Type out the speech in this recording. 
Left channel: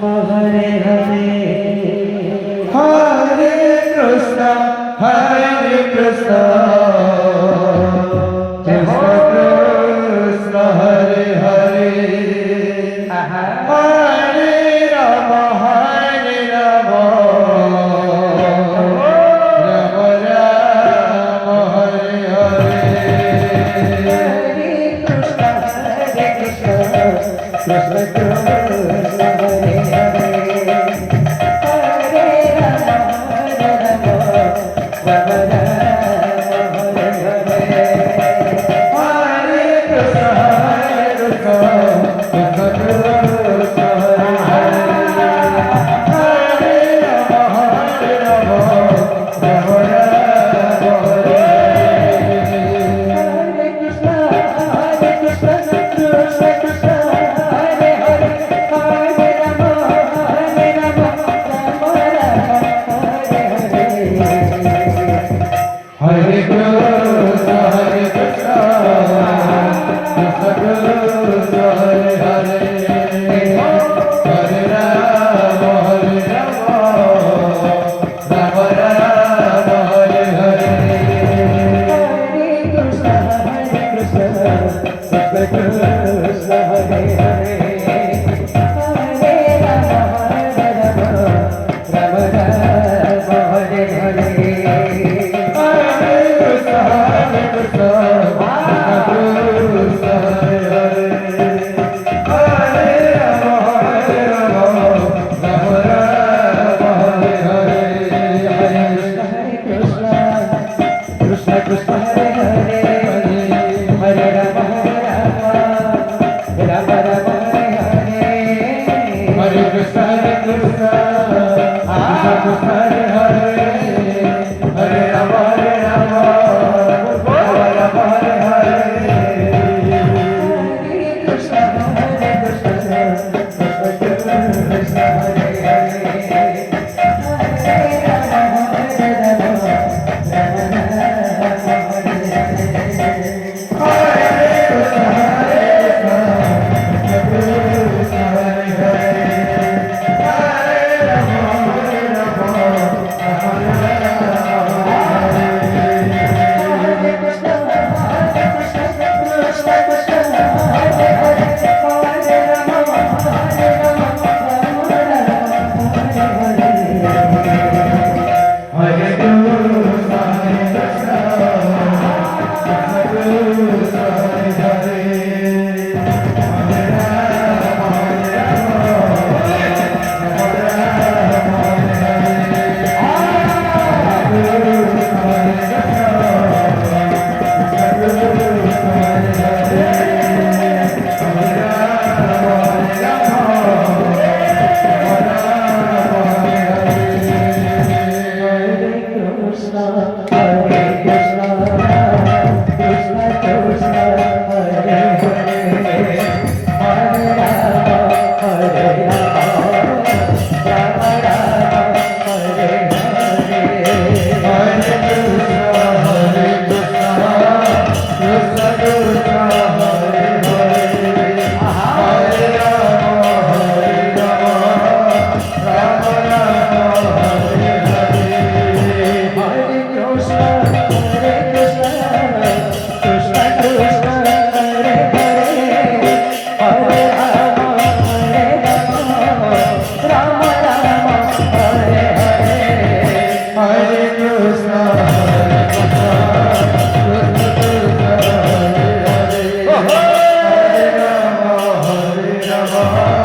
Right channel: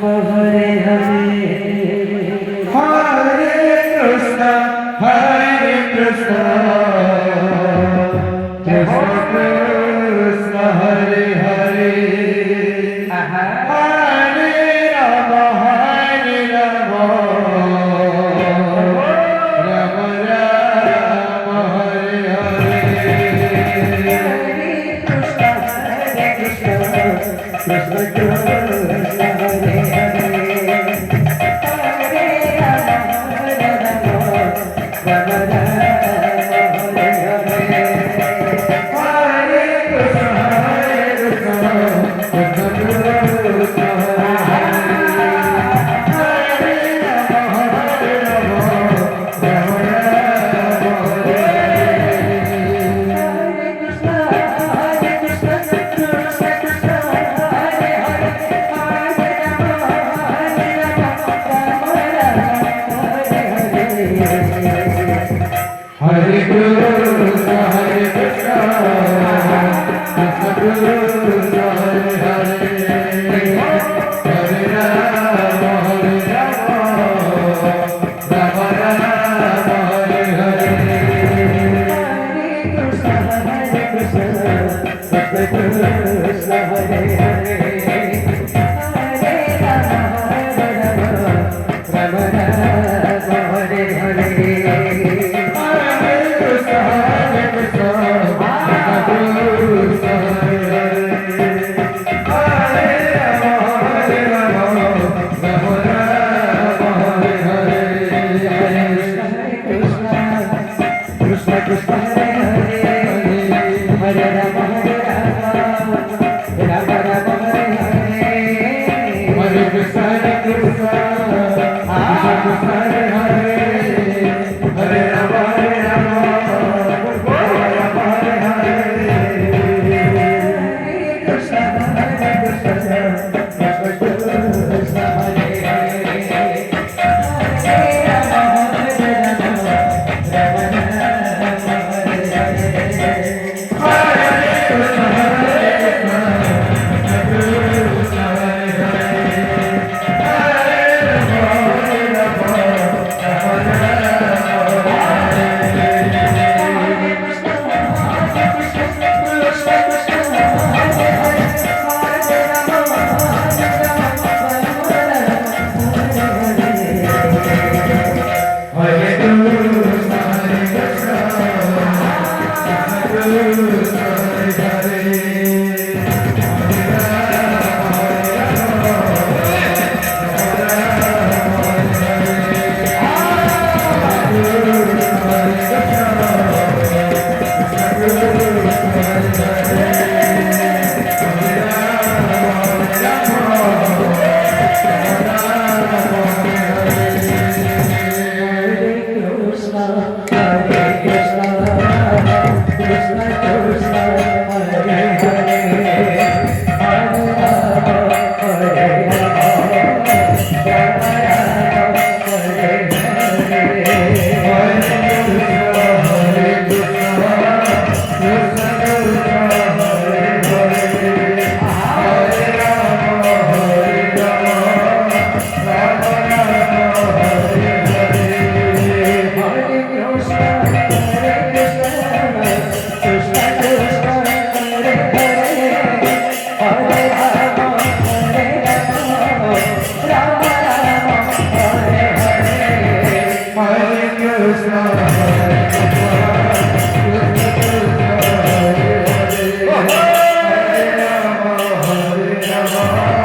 Hare Hare Hare Krishna Hare Krishna Krishna Krishna Hare Hare Hare Ram Ram Ram Hare Hare Krishna Krishna Hare Hare Hare Krishna, Hare Krishna, Krishna Krishna, Hare Hare, Hare Rama, Hare Rama, Rama Rama, Hare Hare. Hare Krishna, Hare Krishna, Krishna Krishna, Hare Hare, Hare Rama, Hare Rama, Rama Rama, Hare Hare. Hare